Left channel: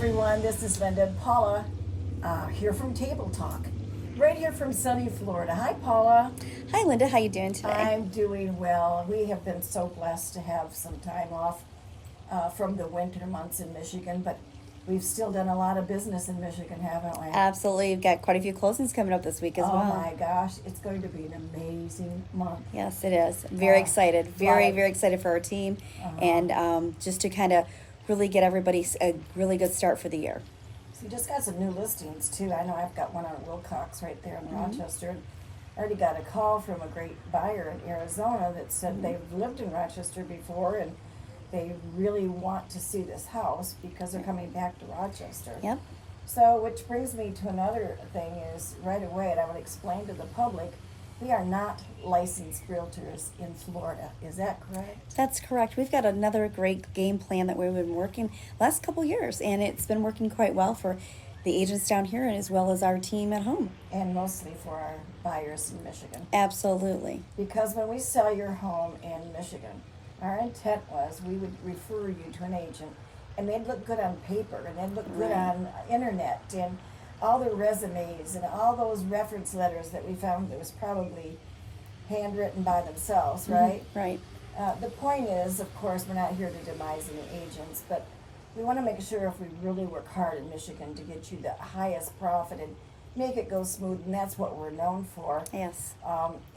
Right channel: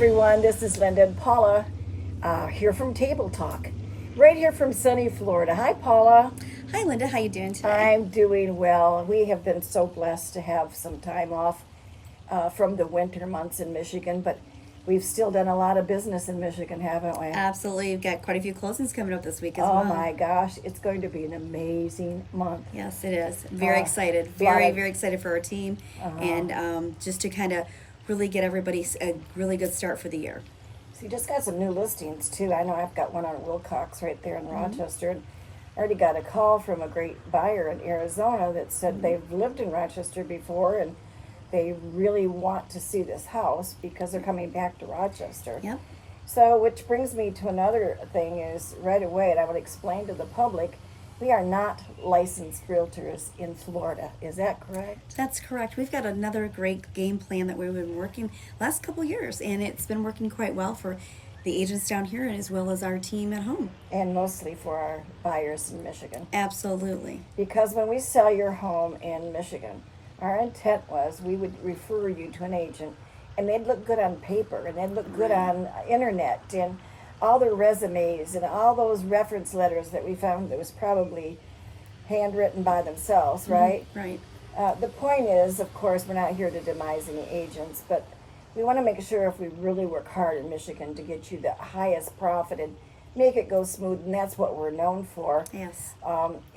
everyone, this is Linda and Paula here from Table Talk, right here from sunny Florida. Hi, Paula. Hi, Linda. How you doing today? I'm doing well. We have been so blessed to have some time off from the winter months in Michigan, but we've still done a lot of business in Michigan, haven't we? Absolutely. We've got quite a few closings coming up this week as well. Oh my gosh, it's going to be an amazing month. Yes, it is. Very excited. Very excited for our team and just to kind of really get everybody a really good start for the year. So you just got some new listings too. I know I've got one on Wilcox right there in Rochester. I already got a call from a great buyer in Arizona that said they've lived in Rochester before and they really want to see this house because they're coming back to Rochester. Yep. So which brings me to another thing is right away, and I would explain to the public, we are not licensed realtors in Florida. Is that correct? That's correct. We've got another great game plan that we've been working last couple years, and it's been working quite well for the agents down here as well as our team at home. And mostly for our buyers in Michigan. Absolutely. Because when we sell your home in Michigan, our intent was we would refer you to an agent, and they'd look good on paper, and they'd look good on internet, and all their resumes and all those reference letters that we found that was probably handwritten by themselves, right? Right. The point is, of course, we're not here to demise any agents, but we want to make sure if we really work hard in Michigan to get you the highest profit and make it go smooth, and that's what we're known for. Yes.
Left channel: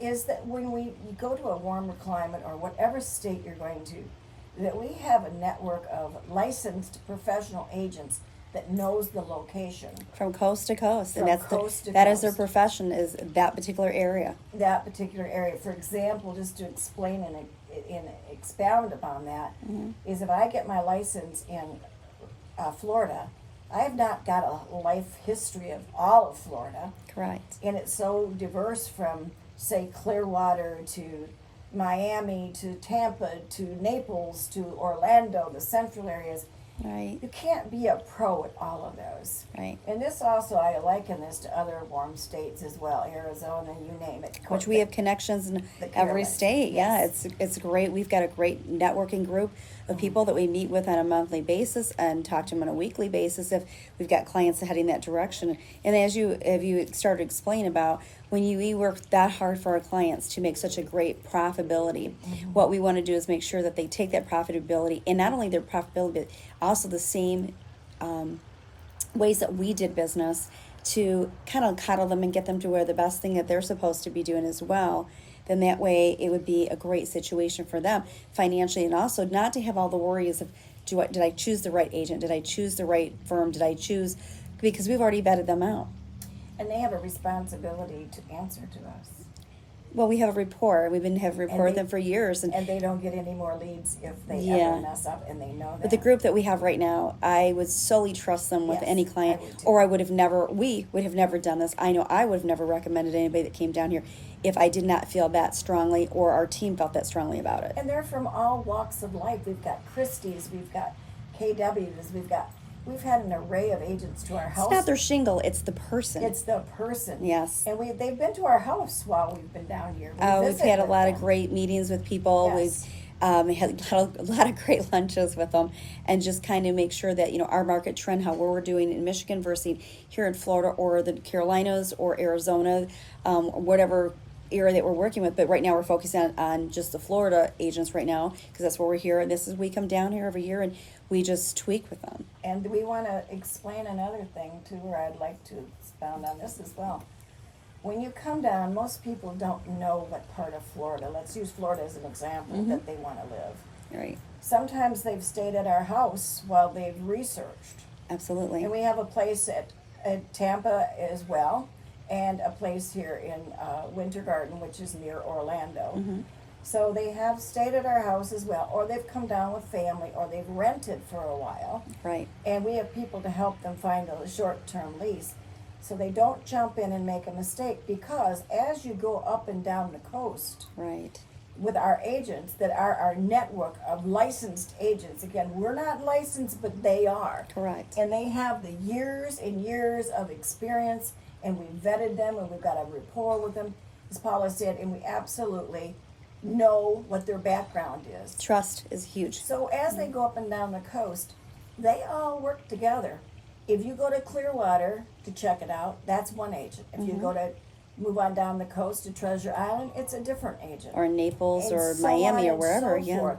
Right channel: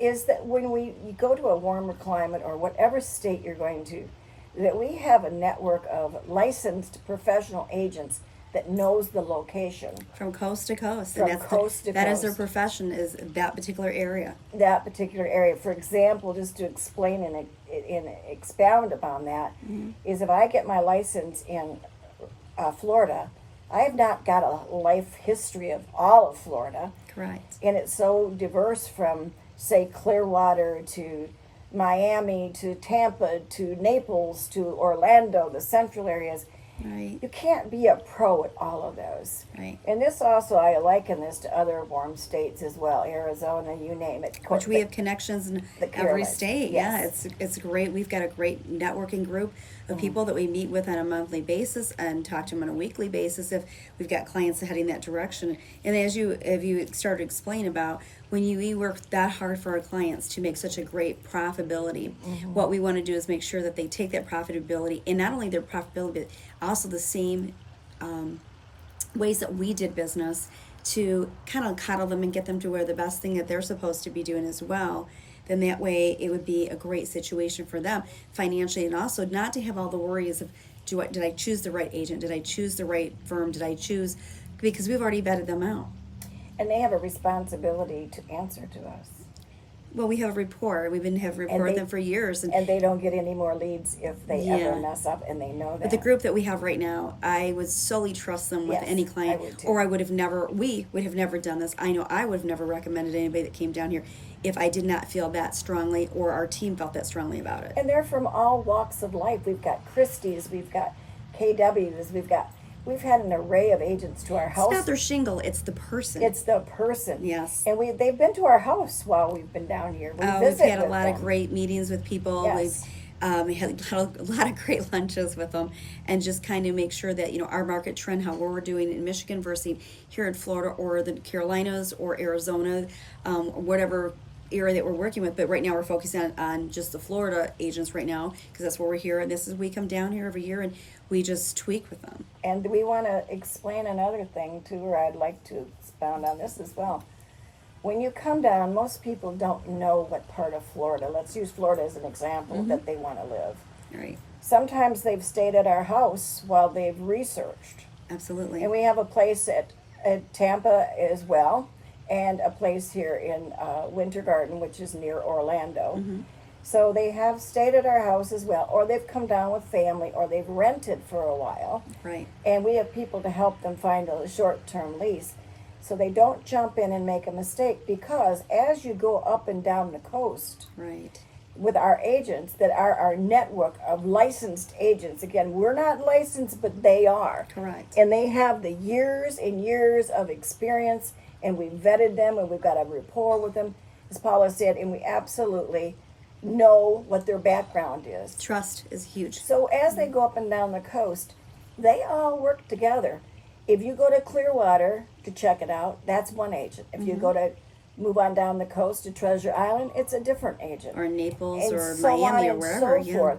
Is that when you go to a warmer climate or whatever state you're going to, that we have a network of licensed professional agents that knows the location. From coast to coast. From and coast to that coast. is their profession, is that particular area. That particular area. For example, just to explain and expound upon that, is if I get my license in Florida, I have not got a life history of all of Florida. Correct. And it's so diverse from, say, Clearwater to Miami to Tampa to Naples to Orlando, the central areas. Right. You can't be a pro at all of those. Right. And this also, I liken this to other warm states as well, Arizona, you name it. Which we have connections in every state. Yes. Yeah, it's great. We've got a great networking group of people that we meet with on a monthly basis and talk to them on a weekly basis if we've got clients heading that direction. And as you started to explain about when we work that hard for our clients to make such a great profitability, what we want to do is make sure that they take that profitability, and not only their profitability, but also the same ways that we did business to kind of coddle them and get them to where the best thing that they're supposed to be doing as well. Then that way it would be a great situation for them financially, and also not to have all the worries of did I choose the right agent? Did I choose the right firm? Did I choose, because we've already vetted them out. And they have a responsibility to answer to us. Well, we have a rapport. We've been have reported them for years, and they don't get any more leads if they ever mess up, and they know that. But the group that we have right now, I would solely trust them with any client, or I would have never. We would have never done this. I know I would have never recommended anybody that came down here if I did not feel that strongly, or our team felt that strongly about it. And they're from all walks of life. We've got Christie's, we've got KW's, we've had an array of agents to our house. It's not their shingle, it's the person. It's the person. Yes. And they've been to our house while we've been down here. We've had a lot of great meetings with people. Yes. We've had a lot of great lunches with them, and just kind of make sure that, our market trend, how we're doing in Michigan versus here in Florida or the Carolinas or Arizona, whatever area that we're working with. But right now we're focusing on just the Florida agents right now, because that's where we're here. And we come down here every year and we just tweak with them. And we want to explain another thing too, or I'd like to expound on this as well. When you come down, most people don't know what part of Florida, let's use Florida as an example, that they want to live. Right. Sometimes they've stayed at our house while they've researched. Absolutely. And we have a place at Tampa as well, and a place here in Winter Garden, which is near Orlando. So they have stayed at our house as well, or they've come down with family, or they've rented for a while. Right. And we have people to help them find a short-term lease. So they don't jump in and make a mistake, because as you go up and down the coast, right, with our agents that are our network of licensed agents, again, we're not licensed, but they are. Correct. And they have the years and years of experience, and we vetted them, and we've got a rapport with them, as Paula said, and we absolutely know what their background is. Trust is huge. So as they go up and down the coast, they all work together. If you go to Clearwater to check it out, that's one agent. If you go to move on down the coast to Treasure Island, it's a different agent. Or Naples And or so Miami on or and wherever. so Yeah. forth.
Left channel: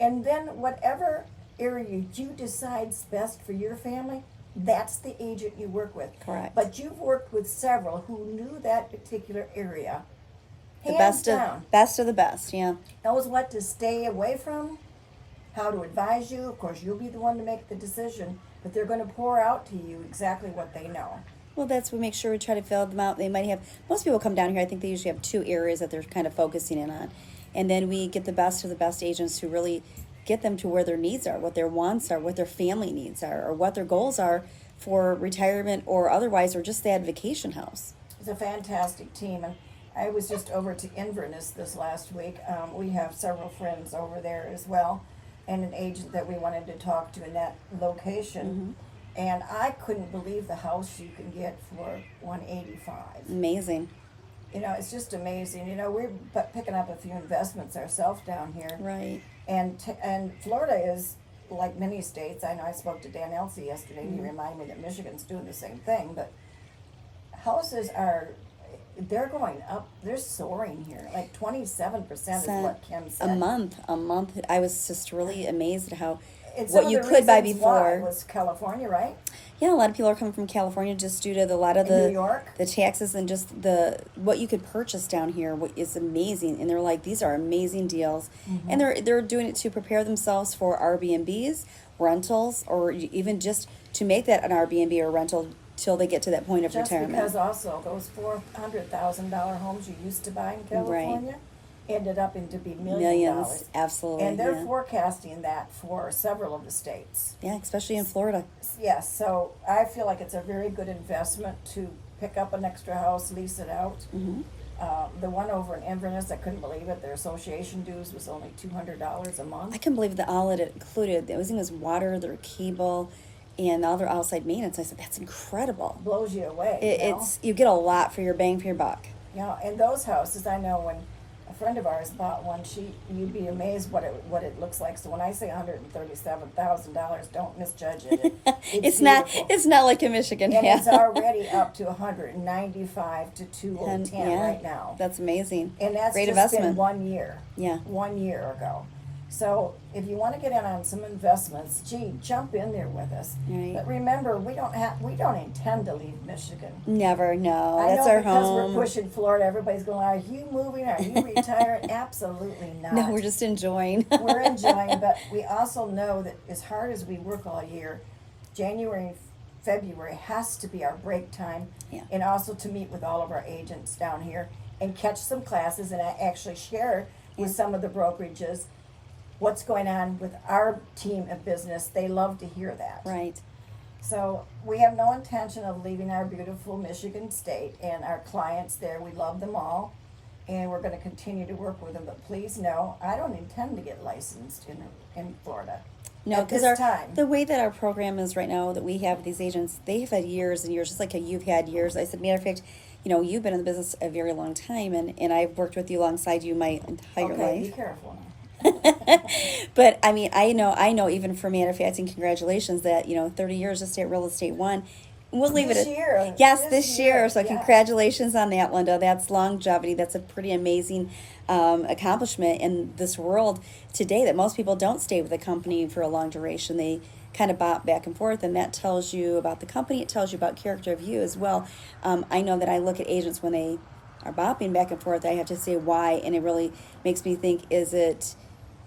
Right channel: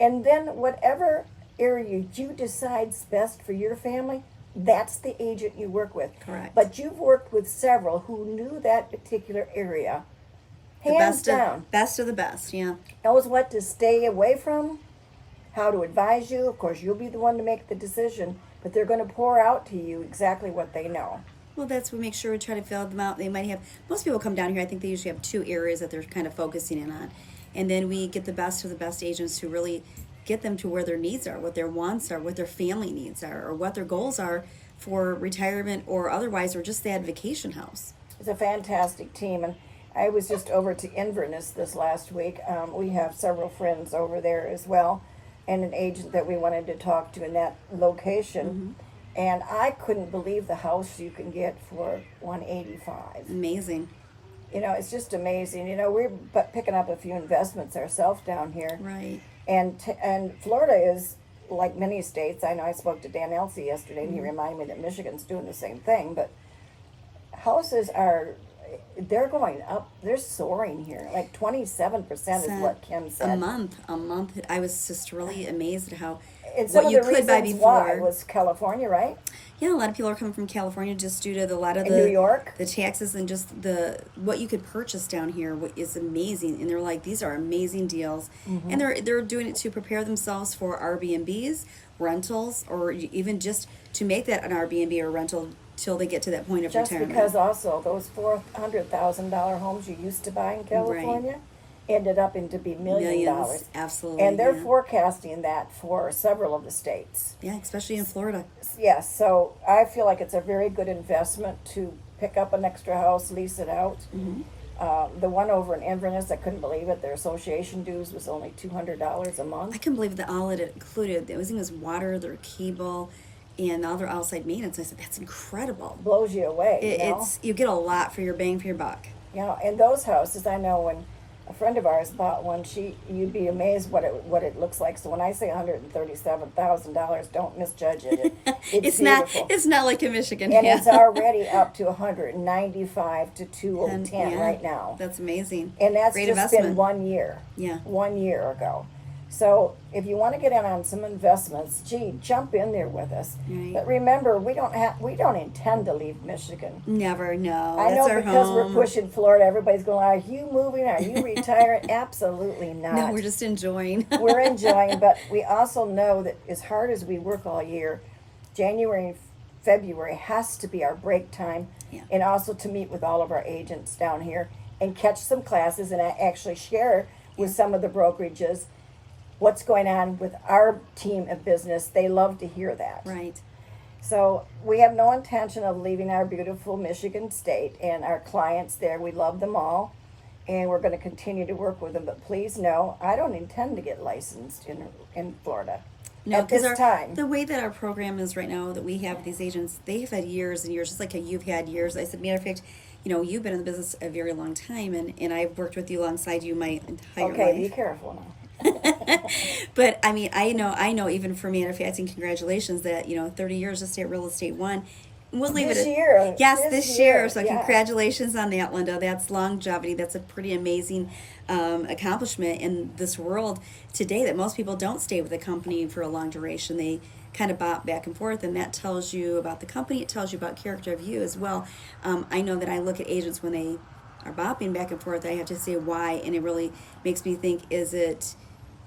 And then whatever area you decide's best for your family, that's the agent you work with. Correct. But you've worked with several who knew that particular area, The hands best down, of the best. Yeah. knows what to stay away from, how to advise you. Of course, you'll be the one to make the decision, but they're going to pour out to you exactly what they know. Well, we make sure we try to fill them out. They might have, most people come down here, I think they usually have 2 areas that they're kind of focusing in on. And then we get the best of the best agents who really get them to where their needs are, what their wants are, what their family needs are, or what their goals are for retirement or otherwise, or just that vacation house. It's a fantastic team. And I was just over to Inverness this last week. We have several friends over there as well, and an agent that we wanted to talk to in that location. And I couldn't believe the house you can get for $185. Amazing. You know, it's just amazing. You know, we're picking up a few investments ourselves down here. Right. And Florida is like many states. I know I spoke to Dan Elsey yesterday, and he reminded me that Michigan's doing the same thing. But houses they're going up. They're soaring here. Like 27% is what Kim said. A month. I was just really amazed at how And some what of you the could buy reasons why before was California, right? Yeah, a lot of people are coming from California just due to a lot of In New York? the taxes and just what you could purchase down here is amazing. And they're like, these are amazing deals, and they're doing it to prepare themselves for Airbnbs, rentals, or even just to make that an Airbnb or rental till they get to that point of Just retirement. because also those $400,000 homes you used to buy in California ended up into be $1,000,000. Absolutely. And they're forecasting that for several of the states. Yeah, especially in Florida. Yes, so I feel like it's a very good investment to pick up an extra house, lease it out. The one over in Inverness, I couldn't believe it. Their association dues was only $200 a month. I couldn't believe that all it included. Everything was water, their cable, and all their outside maintenance. I said, that's incredible. Blows you away. You get a lot for your bang for your buck. You know, and those houses, I know when a friend of ours bought one, you'd be amazed what it looks like. So when I say $137,000, don't misjudge it. It's beautiful. It's not like in Michigan. And yeah. it's already up to 195 to 210 right now. That's amazing. And that's great just investment. been 1 year. Yeah. 1 year ago. So if you want to get in on some investments, jump in there with us. Right. But remember, we don't intend to leave Michigan. Never, no. I That's know our because home. we're pushing Florida, everybody's going, are you moving? Are you retiring? Absolutely not. No, we're just enjoying. We're enjoying, but we also know that as hard as we work all year, January and February has to be our break time, and also to meet with all of our agents down here and catch some classes and actually share with some of the brokerages what's going on with our team of business. They love to hear that. Right. So we have no intention of leaving our beautiful Michigan state and our clients there. We love them all, and we're going to continue to work with them. But please know, I don't intend to get licensed in Florida. No, at this because time. The way that our program is right now, that we have with these agents, they've had years and years, just like you've had years. I said, matter of fact, you've been in the business a very long time, and I've worked with you alongside you my entire life. Okay, be careful now. But I mean, I know even for manufacturing, congratulations that 30 years of State Real Estate One. We'll leave This it at year. Yes, This this year. year, So yeah. congratulations on that, Linda. That's longevity. That's a pretty amazing accomplishment in this world today, that most people don't stay with a company for a long duration. They kind of bop back and forth, and that tells you about the company. It tells you about character of you as well. I know that I look at agents when they are bopping back and forth. I have to say why, and it really makes me think,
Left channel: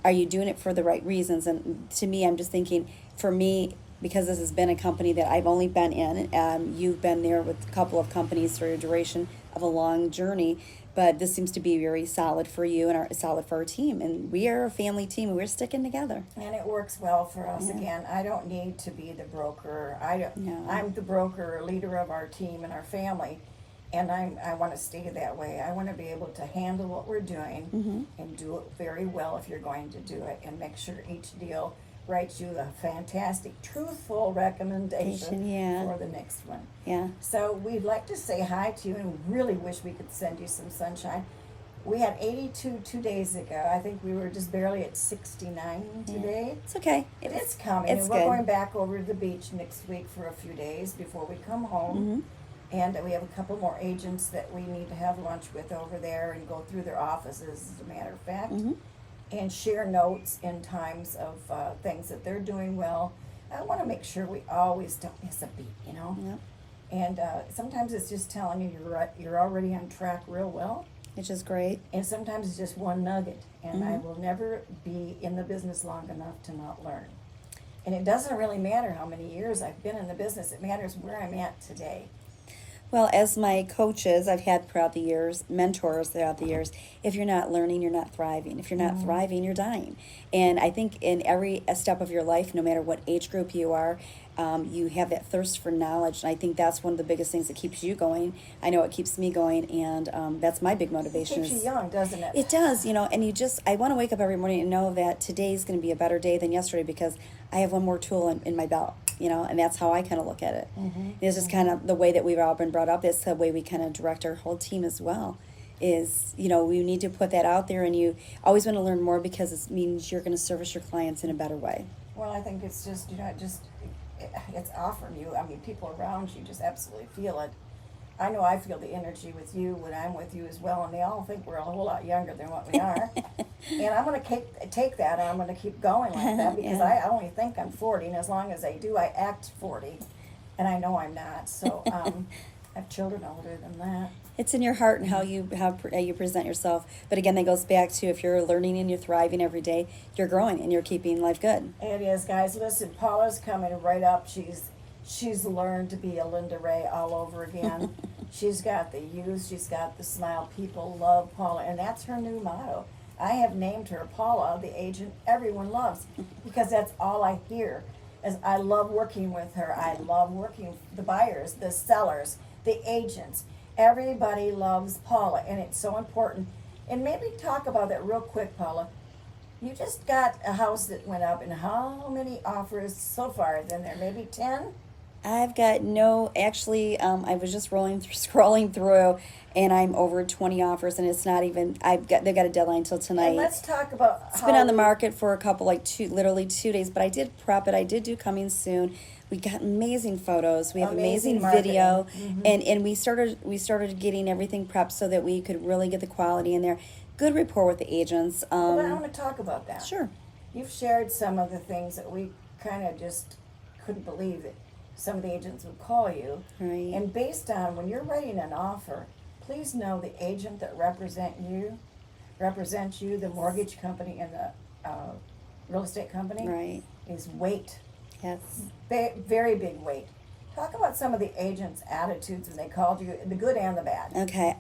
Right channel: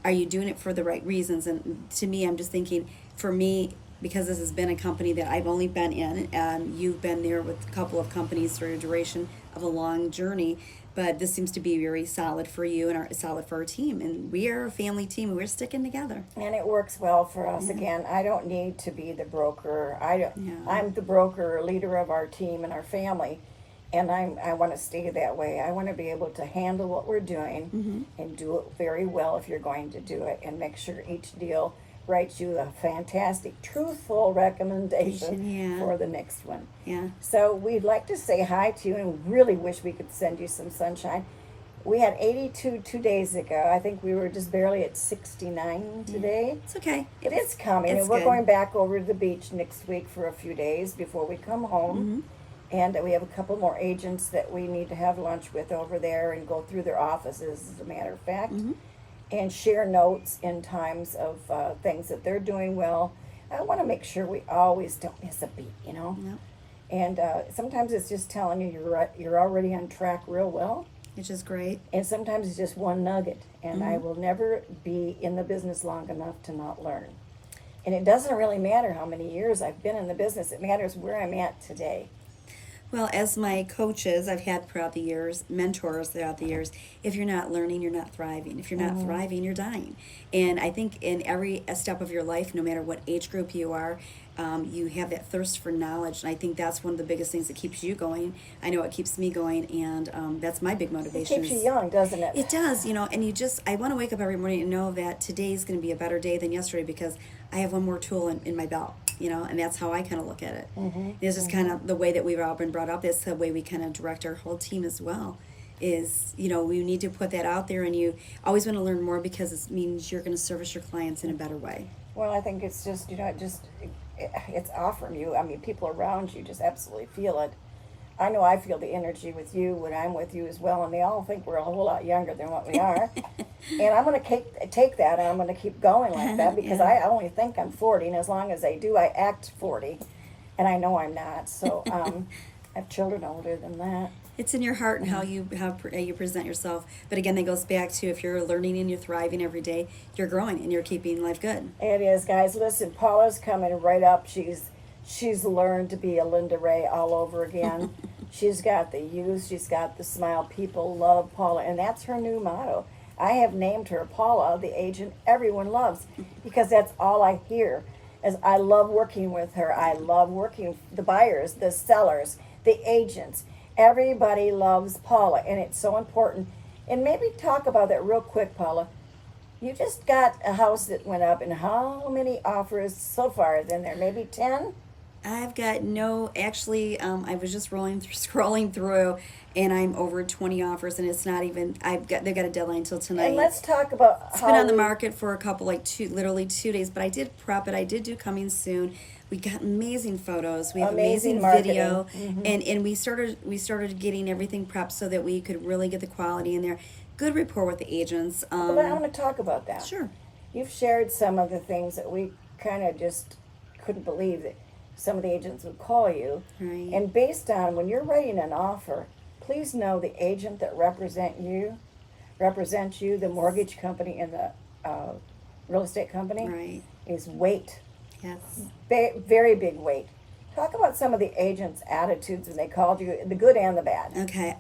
are you doing it for the right reasons? And to me, I'm just thinking, for me, because this has been a company that I've only been in, you've been there with a couple of companies for a duration of a long journey, but this seems to be very solid for you and solid for our team. And we are a family team, and we're sticking together. And it works well for us. Yeah. Again, I don't need to be the broker. No. I'm the broker, leader of our team and our family. And I want to stay that way. I want to be able to handle what we're doing and do it very well if you're going to do it, and make sure each deal writes you a fantastic, truthful recommendation for the next one. Yeah. So we'd like to say hi to you, and really wish we could send you some sunshine. We had 82 2 days ago. I think we were just barely at 69 today. It's okay. It is coming, It's and we're good. going back over to the beach next week for a few days before we come home. And we have a couple more agents that we need to have lunch with over there and go through their offices, as a matter of fact, and share notes in times of things that they're doing well. I want to make sure we always don't miss a beat, you know. Yep. And sometimes it's just telling you you're already on track real well. Which is great. And sometimes it's just one nugget. And I will never be in the business long enough to not learn. And it doesn't really matter how many years I've been in the business. It matters where I'm at today. Well, as my coaches I've had throughout the years, mentors throughout the years, if you're not learning, you're not thriving. If you're not thriving, you're dying. And I think in every step of your life, no matter what age group you are, you have that thirst for knowledge. And I think that's one of the biggest things that keeps you going. I know it keeps me going, and that's my big motivation. It keeps you young, doesn't it? It does, and I want to wake up every morning and know that today's going to be a better day than yesterday because I have one more tool in my belt, and that's how I kind of look at it. It's just kind of the way that we've all been brought up. It's the way we kind of direct our whole team as well. We need to put that out there, and you always want to learn more because it means you're going to service your clients in a better way. Well, I think it's just, it's off from you. I mean, people around you just absolutely feel it. I know I feel the energy with you when I'm with you as well, and they all think we're a whole lot younger than what we are. And I'm going to take that, and I'm going to keep going like that because I only think I'm 40, and as long as I do, I act 40, and I know I'm not. So I have children older than that. It's in your heart and how you present yourself. But again, that goes back to if you're learning and you're thriving every day, you're growing and you're keeping life good. It is, guys. Listen, Paula's coming right up. She's learned to be a Linda Rea all over again. She's got the youth. She's got the smile. People love Paula, and that's her new motto. I have named her Paula, the agent everyone loves, because that's all I hear. As I love working with her. I love working the buyers, the sellers, the agents. Everybody loves Paula, and it's so important. And maybe talk about that real quick, Paula. You just got a house that went up, and how many offers so far is in there? Maybe 10? I've got actually, I was just scrolling through, and I'm over 20 offers, and it's not even, they've got a deadline until tonight. And let's talk about It's been on the market for a couple, literally 2 days, but I did prep it. I did do coming soon. We got amazing photos. We have amazing video, and we started getting everything prepped so that we could really get the quality in there. Good rapport with the agents. But I want to talk about that. Sure. You've shared some of the things that we kind of just couldn't believe that some of the agents would call you. Right. And based on when you're writing an offer, please know the agent that represents you, the mortgage company, and the real estate company, Right. is weight. Yes. Very big weight. Talk about some of the agents' attitudes when they called you, the good and the bad. Okay.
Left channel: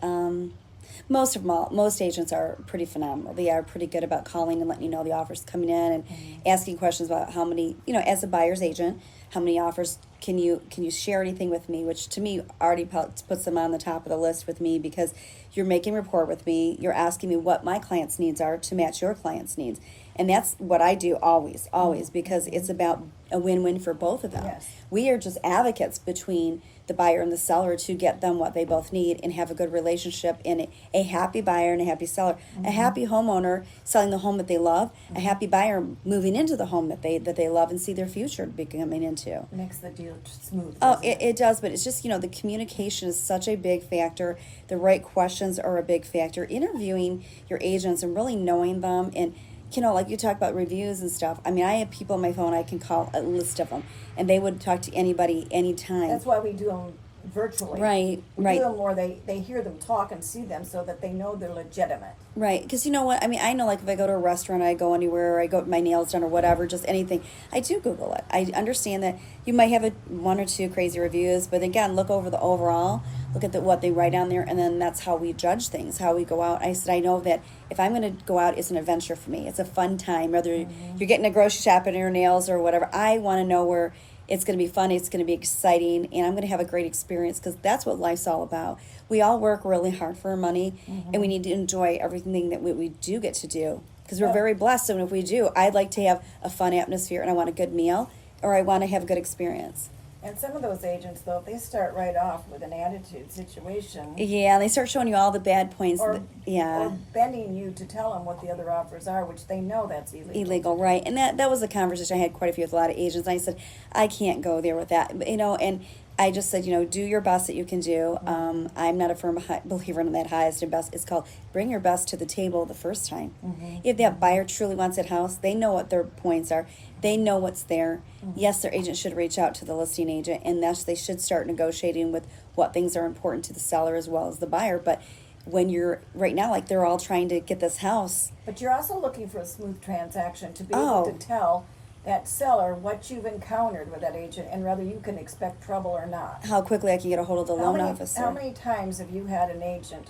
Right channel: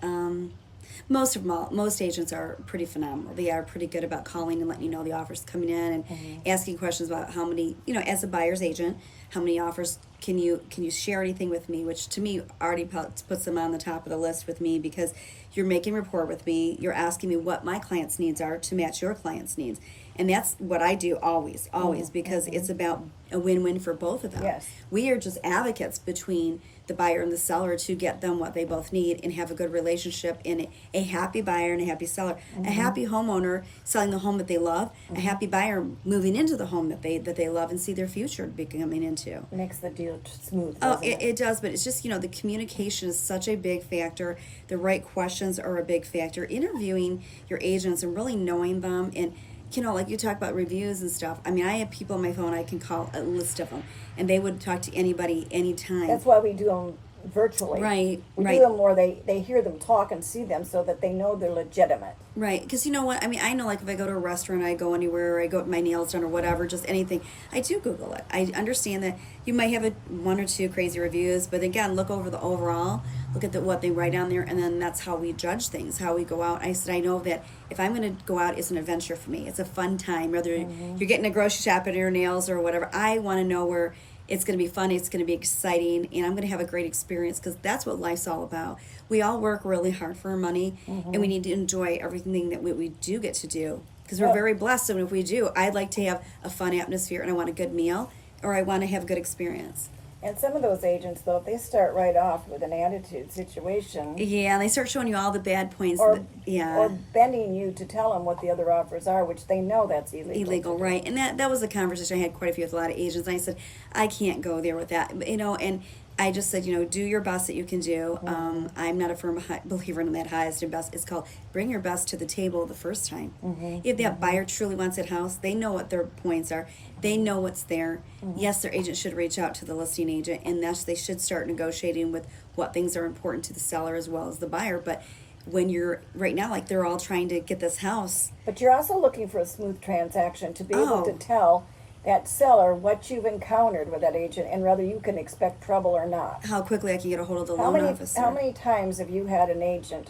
Most agents are pretty phenomenal. They are pretty good about calling and letting you know the offers coming in and asking questions about how many, as a buyer's agent, how many offers can you share anything with me, which to me already puts them on the top of the list with me because you're making rapport with me. You're asking me what my client's needs are to match your client's needs. And that's what I do always, because it's about a win-win for both of them. Yes. We are just advocates between the buyer and the seller to get them what they both need and have a good relationship and a happy buyer and a happy seller. A happy homeowner selling the home that they love, a happy buyer moving into the home that they love and see their future becoming into. Makes the deal smooth. Oh, it does, but it's just, the communication is such a big factor. The right questions are a big factor. Interviewing your agents and really knowing them and, like you talk about reviews and stuff. I mean, I have people on my phone, I can call a list of them, and they would talk to anybody anytime. That's why we do them virtually. Right, We right. do them where they hear them talk and see them so that they know they're legitimate. Right, because you know what? I mean, I know if I go to a restaurant, I go anywhere, I go get my nails done or whatever, just anything, I do Google it. I understand that you might have one or two crazy reviews, but again, look over the overall, look at what they write on there, and then that's how we judge things, how we go out. I said, I know that if I'm going to go out, it's an adventure for me. It's a fun time, whether you're getting a grocery shop and your nails or whatever. I want to know where it's going to be fun, it's going to be exciting, and I'm going to have a great experience because that's what life's all about. We all work really hard for our money, and we need to enjoy everything that we do get to do because we're very blessed. And if we do, I'd like to have a fun atmosphere, and I want a good meal, or I want to have a good experience. And some of those agents, though, if they start right off with an attitude situation, Yeah, they start showing you all the bad points. or Yeah. or bending you to tell them what the other offers are, which they know that's illegal. Right? And that was a conversation I had quite a few with a lot of agents. And I said, I can't go there with that, and I just said, do your best that you can do. I'm not a firm believer in that highest and best. It's called bring your best to the table the first time. If that buyer truly wants that house, they know what their points are. They know what's there. Yes, their agent should reach out to the listing agent, and they should start negotiating with what things are important to the seller as well as the buyer. But when you're right now, like they're all trying to get this house. But you're also looking for a smooth transaction to be able to tell that seller what you've encountered with that agent and whether you can expect trouble or not. How quickly I can get a hold of the loan officer. How many times have you had an agent?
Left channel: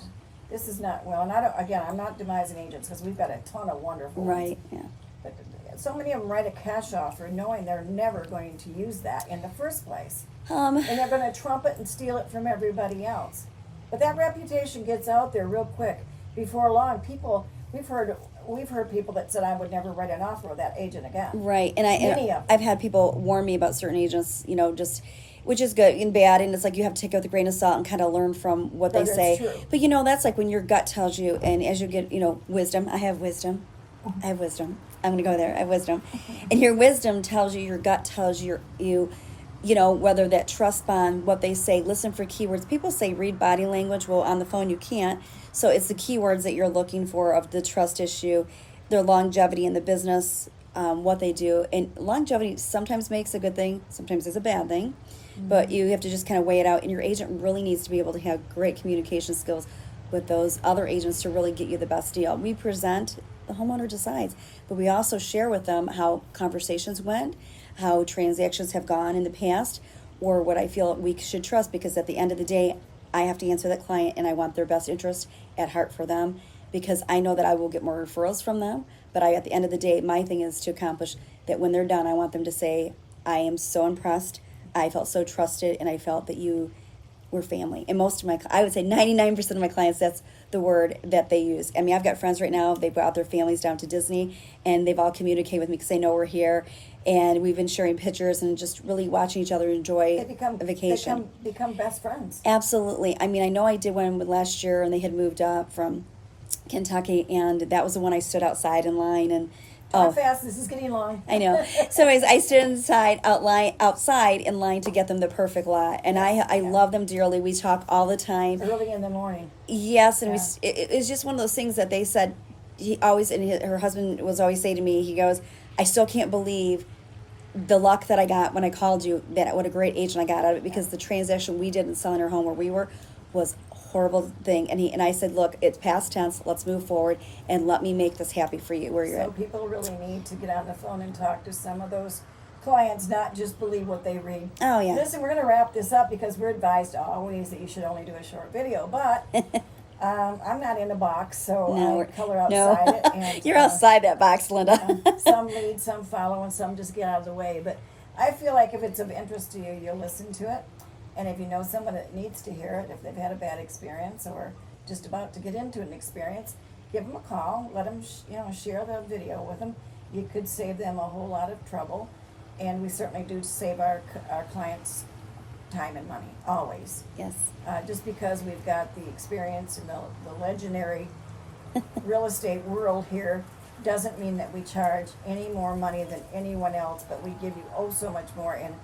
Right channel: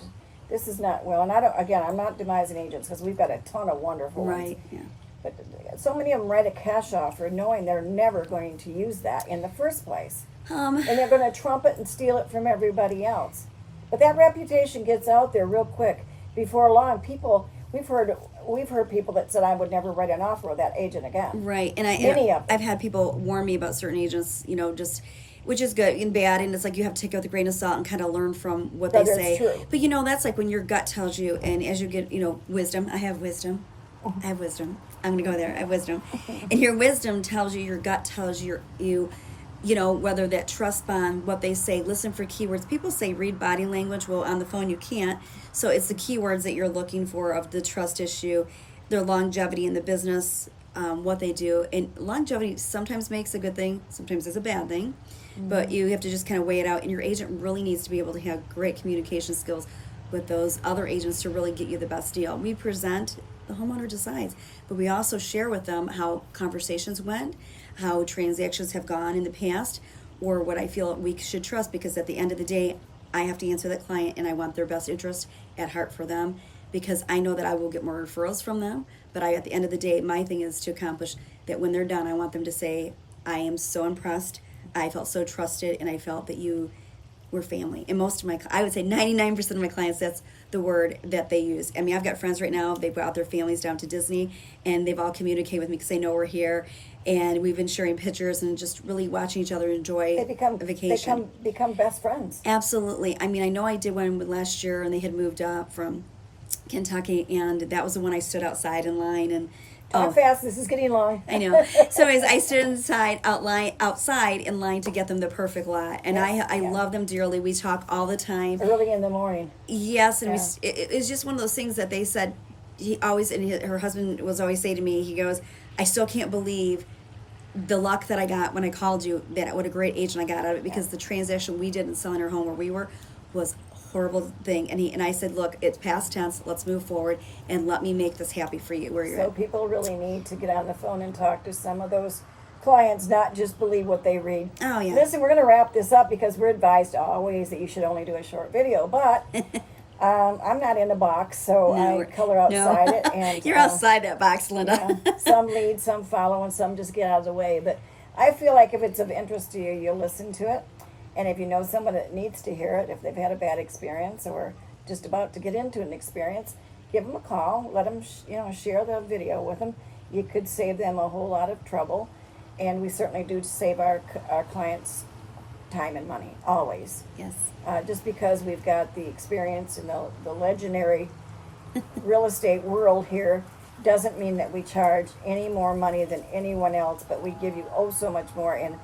This is not, well, and I'm not demising agents because we've got a ton of wonderful ones. Right, yeah. But so many of them write a cash offer knowing they're never going to use that in the first place. And they're going to trump it and steal it from everybody else. But that reputation gets out there real quick. Before long, we've heard people that said, I would never write an offer with that agent again. Right, and Many of them. I've had people warn me about certain agents, just which is good and bad, and it's like you have to take it with a grain of salt and kind of learn from what they say. True. But that's like when your gut tells you, and as you get wisdom. I have wisdom. I'm going to go there. I have wisdom, and your wisdom tells you, your gut tells you, whether that trust bond, what they say. Listen for keywords. People say read body language. Well, on the phone you can't. So it's the keywords that you're looking for of the trust issue, their longevity in the business, what they do. And longevity sometimes makes a good thing, sometimes is a bad thing. But you have to just kind of weigh it out. And your agent really needs to be able to have great communication skills with those other agents to really get you the best deal. We present, the homeowner decides. But we also share with them how conversations went, how transactions have gone in the past, or what I feel we should trust, because at the end of the day, I have to answer that client and I want their best interest at heart for them, because I know that I will get more referrals from them. But at the end of the day, my thing is to accomplish that when they're done, I want them to say, I am so impressed, I felt so trusted, and I felt that you were family. And I would say 99% of my clients, that's the word that they use. I mean, I've got friends right now, they brought their families down to Disney, and they've all communicated with me because they know we're here. And we've been sharing pictures and just really watching each other enjoy a vacation. They become best friends. Absolutely. I mean, I know I did one last year, and they had moved up from Kentucky, and that was the one I stood outside in line. And How fast, this is getting long. I know. So anyways, I stood outside in line to get them the perfect lot. And I love them dearly. We talk all the time. Early in the morning. Yes, and it was just one of those things that they said, her husband was always saying to me, he goes, I still can't believe the luck that I got when I called you, what a great agent I got out of it, because the transaction we did in selling our home where we were was a horrible thing. And I said, look, it's past tense, let's move forward, and let me make this happy for you where you're at. So people really need to get on the phone and talk to some of those clients, not just believe what they read. Oh, yeah. Listen, we're going to wrap this up because we're advised always that you should only do a short video, but I'm not in a box, so I color outside it. And you're outside that box, Linda. Some lead, some follow, and some just get out of the way. But I feel like if it's of interest to you, you'll listen to it. And if you know someone that needs to hear it, if they've had a bad experience or just about to get into an experience, give them a call. Let them, share the video with them. You could save them a whole lot of trouble. And we certainly do save our clients time and money, always. Yes. Just because we've got the experience in the legendary real estate world here doesn't mean that we charge any more money than anyone else, but we give you so much more, and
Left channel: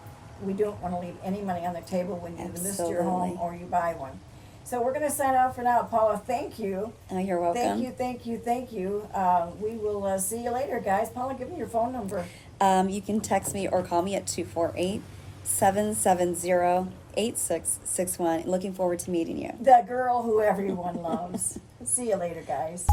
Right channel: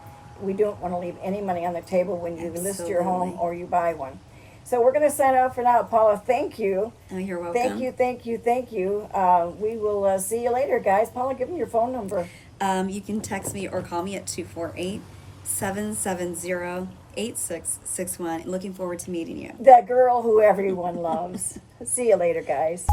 we don't want to leave any money on the table when you list your home or you buy one. So we're going to sign off for now. Paula, thank you. Oh, you're welcome. Thank you. We will see you later, guys. Paula, give me your phone number. You can text me or call me at 248-770-8661. Looking forward to meeting you. That girl who everyone loves. See you later, guys.